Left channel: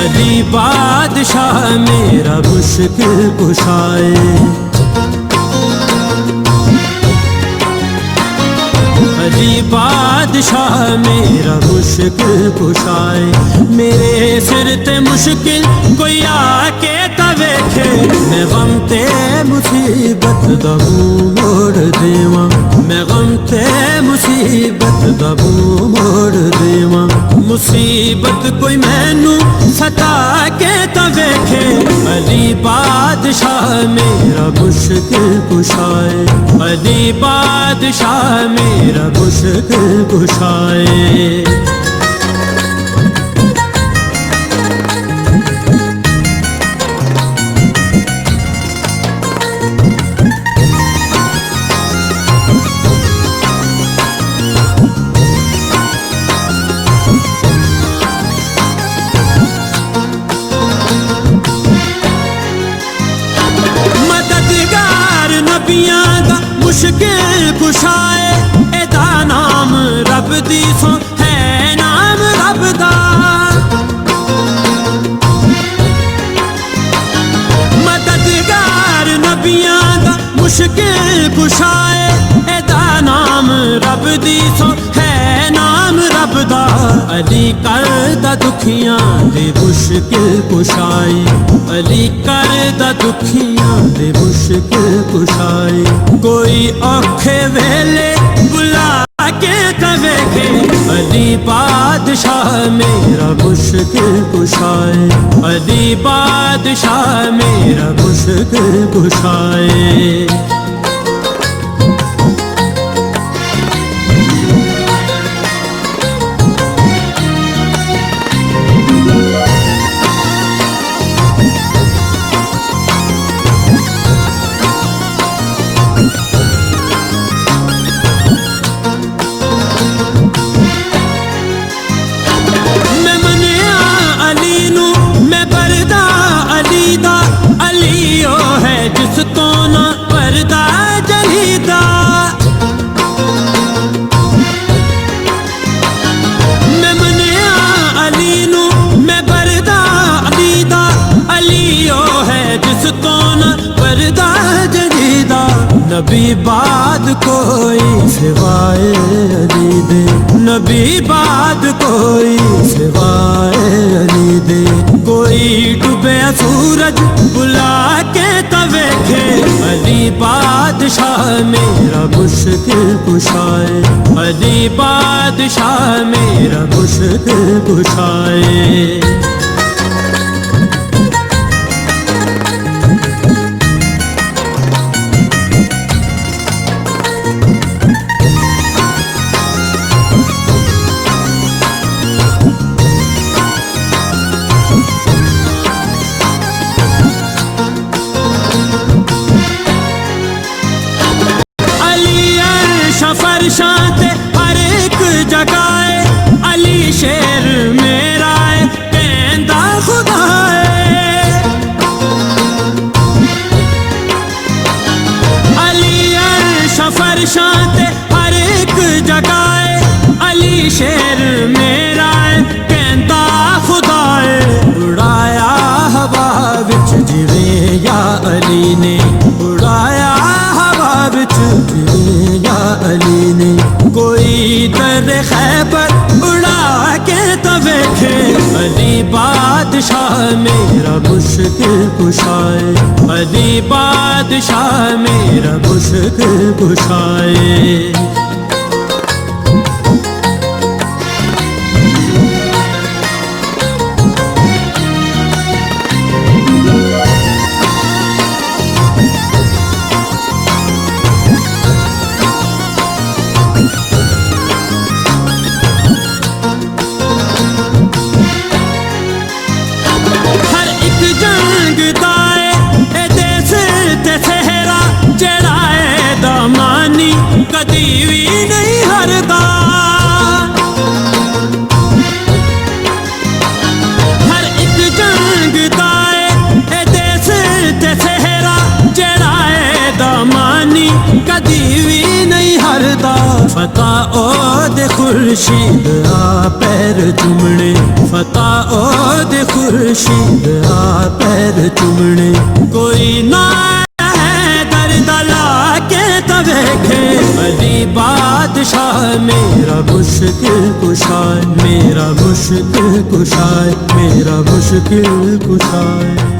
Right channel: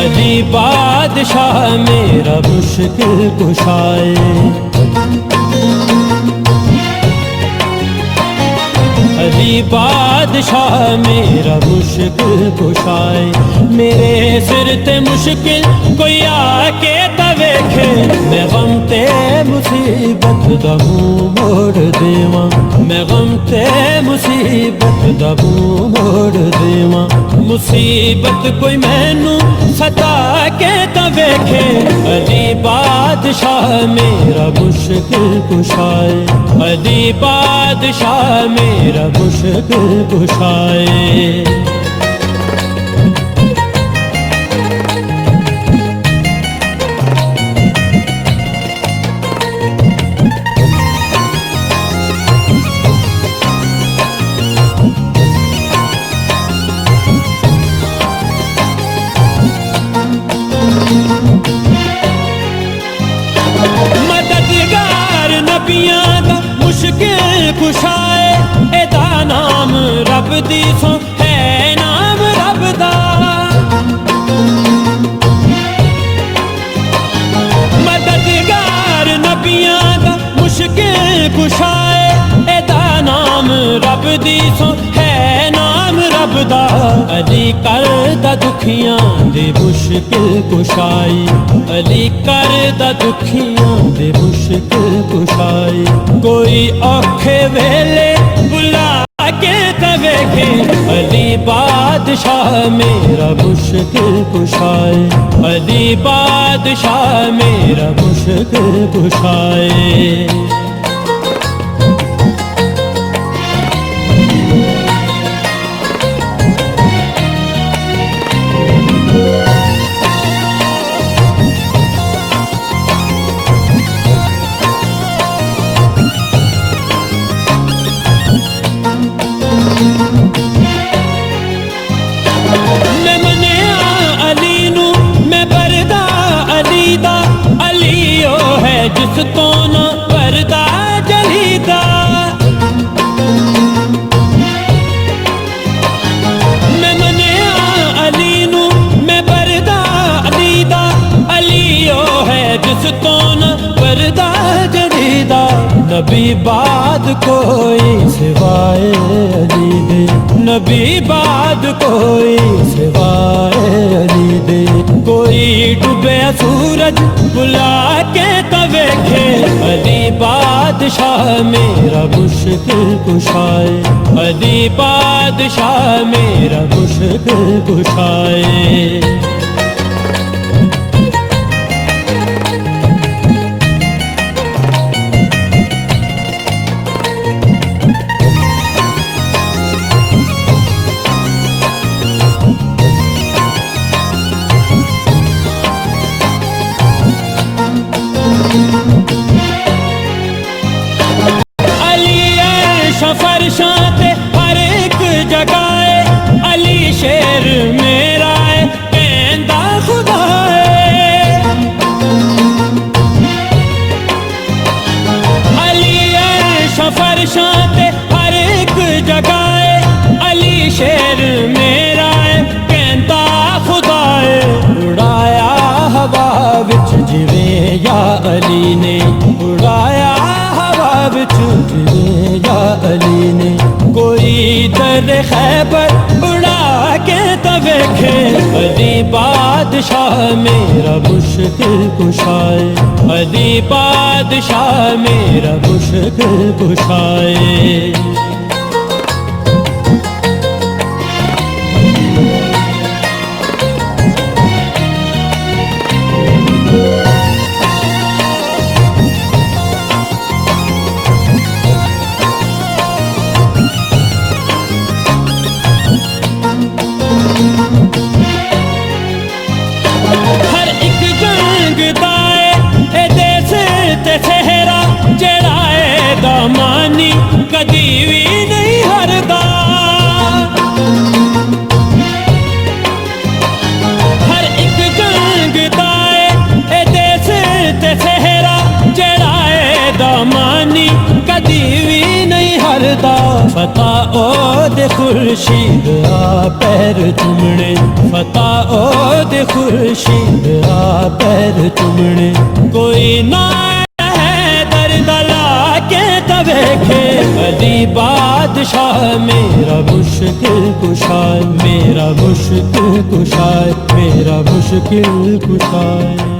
अली बादशाह मेरा मुश्किल कुशाए, अली बादशाह मेरा मुश्किल कुशाए। मेरे सिर ते मुश्किल कोई आके तवेखे, मैं गम ते मुसीबत दा मुंह मोड़ देवां, मैं गम ते मुसीबत दा मुंह मोड़ देवां। मुसीबत कोई मैनू सता के तवेखे, अली बादशाह मेरा मुश्किल कुशाए, अली बादशाह मेरा मुश्किल कुशाए। मददगार नबियां दा मुश्किल कुशाए, एदा नाम रब दी सो है नाम रब दा। मददगार नबियां दा मुश्किल कुशाए, एदा नाम रब दी सो है नाम रब दा। अली करदा दुखियां दे मुश्किल कुशाई, अली करदा दुखियां दे मुश्किल कुशाई। कोई औखे वेले बुला के तवेखे, अली बादशाह मेरा मुश्किल कुशाए, अली बादशाह मेरा मुश्किल कुशाए। मैं परदा अली दा, अली ओ है जिस तो ना परदा जलीदा। मैं मनिया अली नू, मैं परदा अली दा, अली ओ है जिस तो ना परदा जलीदा। नबी बाद कोई सिवाए अली दे, नबी बाद कोई सिवाए अली दे। कोई डूबे सूरज बुला के तवेखे, अली बादशाह मेरा मुश्किल कुशाए, अली बादशाह मेरा मुश्किल कुशाए। फरशां ते हर एक जगाए, अली शेर मेरा है कहंदा खुदा है। अली अर्श फरशां ते हर एक जगाए, अली शेर मेरा है कहंदा खुदा है। उड़ाया हवा विच जिवें या अली ने, उड़ाया हवा विच जिवें या अली ने। कोई दर खैबर उड़ा के तवेखे, अली बादशाह मेरा मुश्किल कुशाए, अली बादशाह मेरा मुश्किल कुशाए। सेहरा जेड़ा है दामानी कदी भी नहीं हरदा। हर एक जंग दाए ए देश ते सेहरा जेड़ा है दामानी पानी कदी भी नहीं हरदा। फतेह ओ दे खुर्शीद आ पैर चुमने, फतेह ओ दे खुर्शीद आ पैर चुमने। कोई ना है दर्द लाके तवेखे, अली बादशाह मेरा मुश्किल कुशाय, मेरा मुश्किल कुशाय, मेरा मुश्किल कुशाय।